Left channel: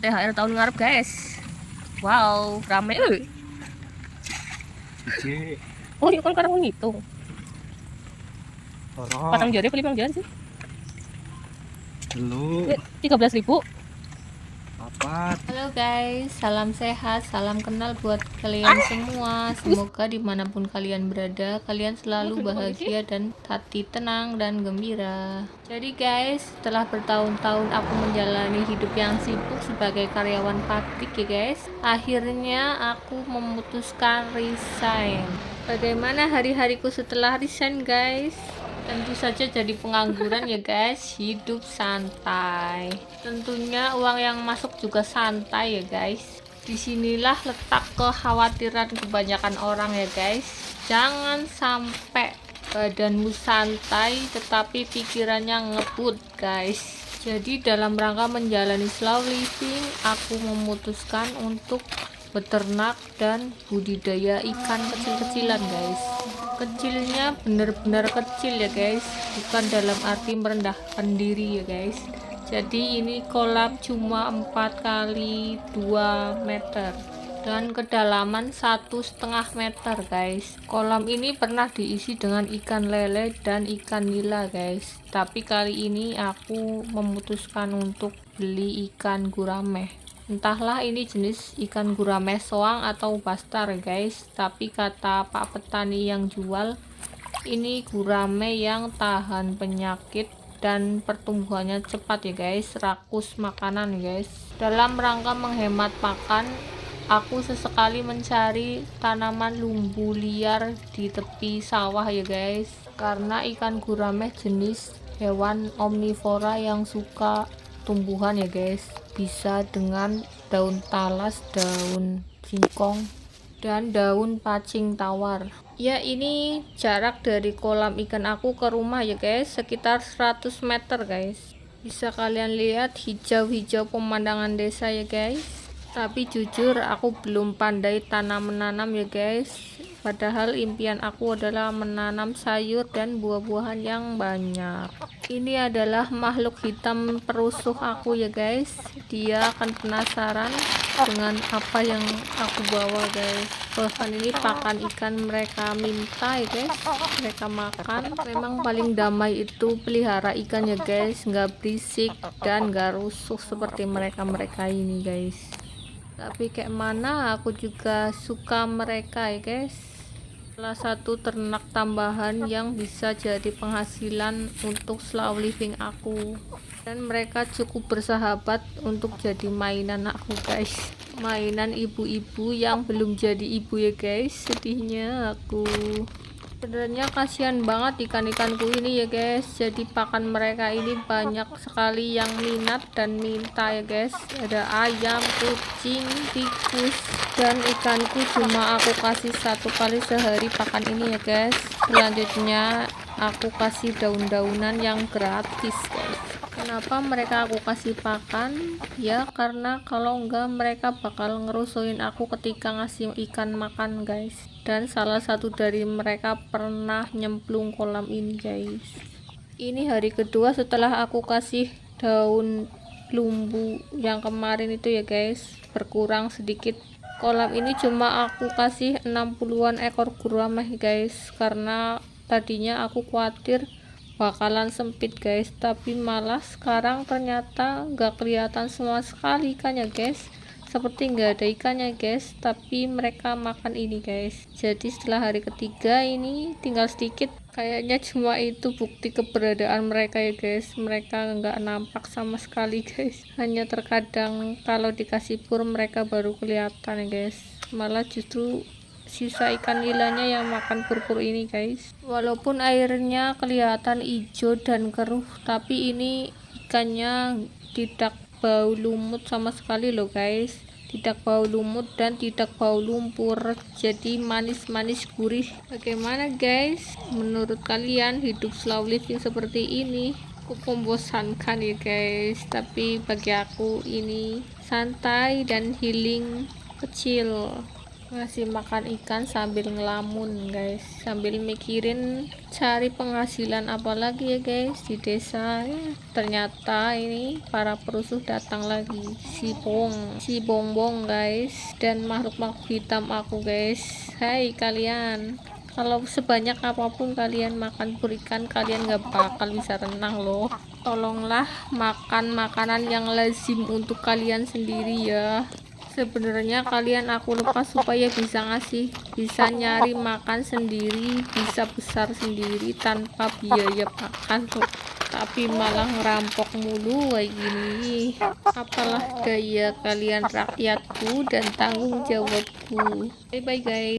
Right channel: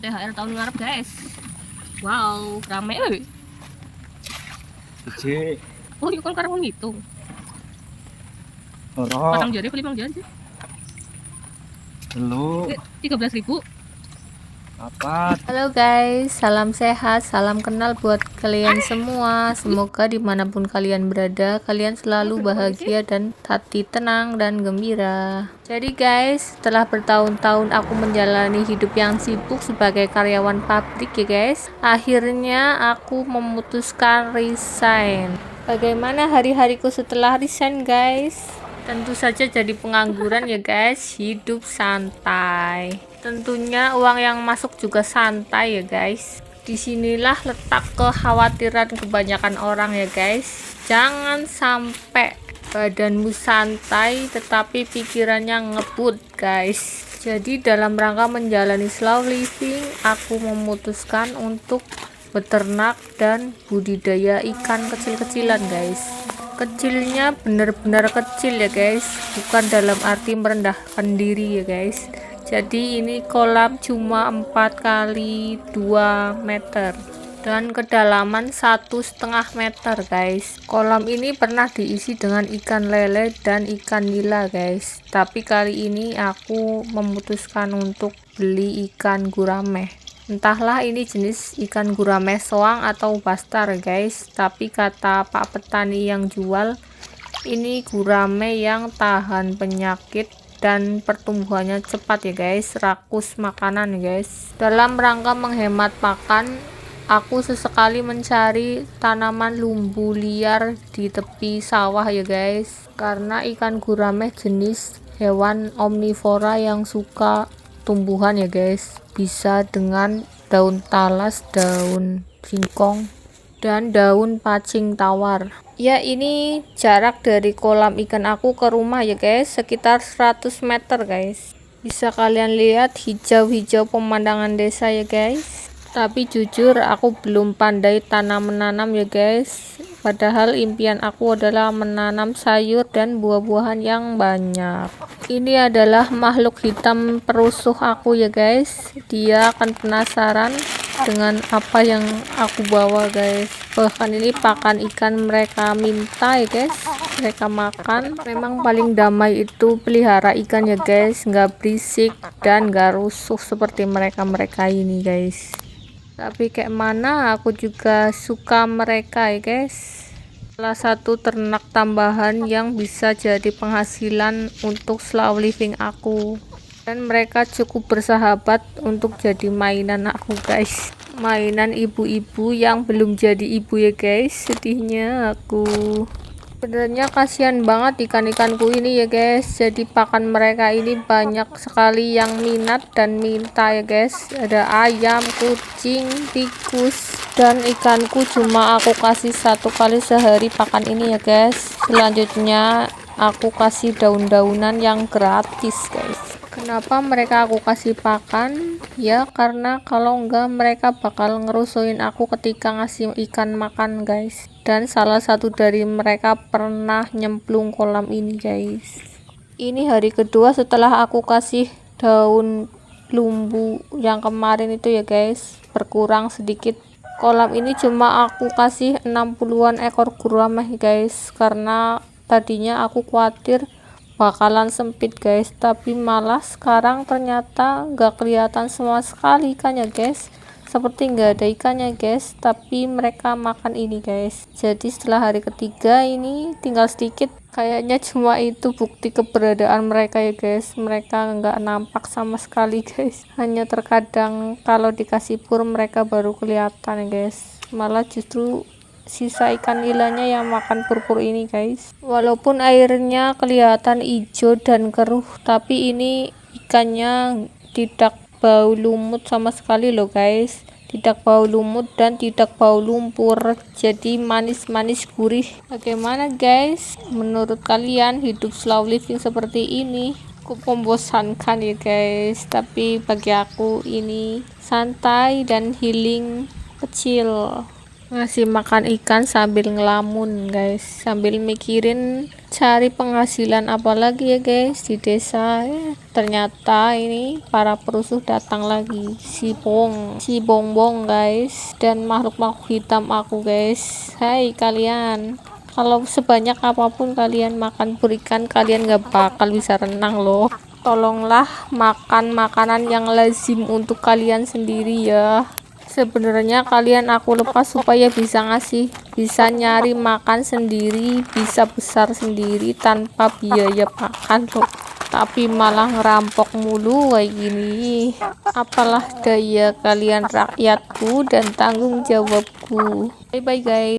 THR tahun ngarep guys. Wow, rame euy. Oh, iya kan karena ngitung. Patang jari apa 5 jari sih? Dulu 13.000. Halo guys, salam sehat, salam kenal buat kalian semua. Semoga dimanapun kalian berada, kalian selalu bahagia dan hati tenang dan gembira. Jadi guys, setelah bertahun-tahun aku menjalani hidup yang sibuk sebagai karyawan pabrik ya guys, akhirnya aku memutuskan resign. Bagaimana hari-hariku setelah resign guys? Tentu saja jadi pengangguran ya guys, hidup santai. Tentunya uang yang masuk juga santai ya guys. Disinilah letak kekhawatiran kebanyakan orang ya guys. Jangan sampai badanmu santai tetapi pikirannya ngebut guys. Jadi dalam rangka menjalani slow living, aku memutuskan untuk beternak dan budidaya ikan kecil-kecilan guys. Kecilnya benar-benar kecil ya guys, bukan dalam arti merendahkan diri ya guys. Jadi ini kolam cuma 4 kali 2 meter dan kedalaman 1,5 meter guys. Kolam ini pernah diisi dengan ikan lele dan ikan nila guys, tapi kali ini aku memutuskan untuk beli ikan gurame. Entahlah ini jenis ikan gurame soang atau bastar guys, tapi kata Pak Petani yang jual, ini gurame yang tahan penyakit dan pertumbuhannya cepat ya guys, rakus makanan guys. Dalam rangka menghemat pakan, aku sesekali mencari tanaman lumbu liar di tepi sawah ya guys, karena ikan gurame jenis hewan omnivora yang suka tumbuhan ya guys, bisa dengan daun talas, daun singkong, dan daun pacing tawar. Ya ini jarak dari kolam ikan aku ke rumah ya guys, sekitar 100 meter guys. Bisa kalian lihat hijau-hijau pemandangan desa ya guys. Tapi jujur aku belum pandai tanam menanam ya guys. Padahal impian aku adalah menanam sayur dan buah-buahan yang banyak. Ini adalah makhluk hitam perusuh aku ya guys. Dia akan penasaran dengan apa yang aku bawa guys. Bahkan ini pakan ikan mereka minta ya guys, mereka makan. Memang paling damai itu pelihara ikan ya guys, nggak berisik dan nggak rusuh seperti mereka ini guys. Tapi kayak mana aku juga suka mereka ya guys. Salah satu ternak tambahan yang bisa jadi penghasilan untuk slow living aku, dan mereka cukup bersahabat untuk jadi mainan aku guys, mainan ibu-ibu yang belum jadi ibu ya guys. Sedihnya aku sebenarnya, kasihan banget ikan-ikanku ini ya guys. Jadi pakan mereka ini banyak sekali yang minat dan minta ya guys. Ada ayam, kucing, tikus, dan ikanku cuma aku kasih 1 kali sehari pakan ini ya guys. Selanjutnya aku kasih daun-daunan yang gratis guys. Kenapa mereka aku kasih pakan? Ya karena kalau enggak mereka bakal ngerusuin aku ketika ngasih ikan makan guys. Dan salah satu dari mereka pernah nyemplung kolam ini guys. Ini hari kedua setelah aku kasih daun lumbu yang kemarin itu ya guys, berkurang sedikit. Kolam ini cuma aku kasih 60-an ekor gurame guys, karena tadinya aku khawatir bakalan sempit guys, tapi malah sekarang ternyata nggak kelihatan sama sekali ikannya guys, seperti nggak ada ikannya guys, tapi mereka makan ini guys. Jadi setelah hari ketiga ini tinggal sedikit, kayaknya cuma itu bukti keberadaan mereka ya guys. Mereka nggak nampak sama sekali guys, hanya terkadang kalau dikasih pur mereka baru kelihatan ya guys. Malah justru sisa ikan nilanya yang makan purpur ini guys. Walaupun airnya kelihatan hijau dan keruh, tapi ini ikannya tidak bau lumut sama sekali loh guys. Tidak bau lumut dan tidak bau lumpur, jadi manis-manis gurih. Bagaimana guys, menurut kalian hidup slow living seperti ini? Cukup membosankan ya guys, tapi bagi aku ini santai dan healing kecil. ngasih makan ikan sambil ngelamun guys, sambil mikirin cari penghasilan apa lagi ya guys di desa. Ternyata ini para perusuh datang lagi, si bongbong guys, dan makhluk-makhluk hitam aku guys. Hai kalian, kalau sebanyak apapun kalian makan pur ikan, kalian gak bakal bisa renang loh. Tolonglah makan makanan yang lazim untuk kalian sendiri ya. Sebenarnya kalian aku lepas supaya bisa nyari makan sendiri, bisa besar sendiri tanpa biaya makan loh. Tapi malah ngerampok mulu kayak gini. Apalah gaya kalian rakyatku dan tanggung jawabku. Bye bye guys.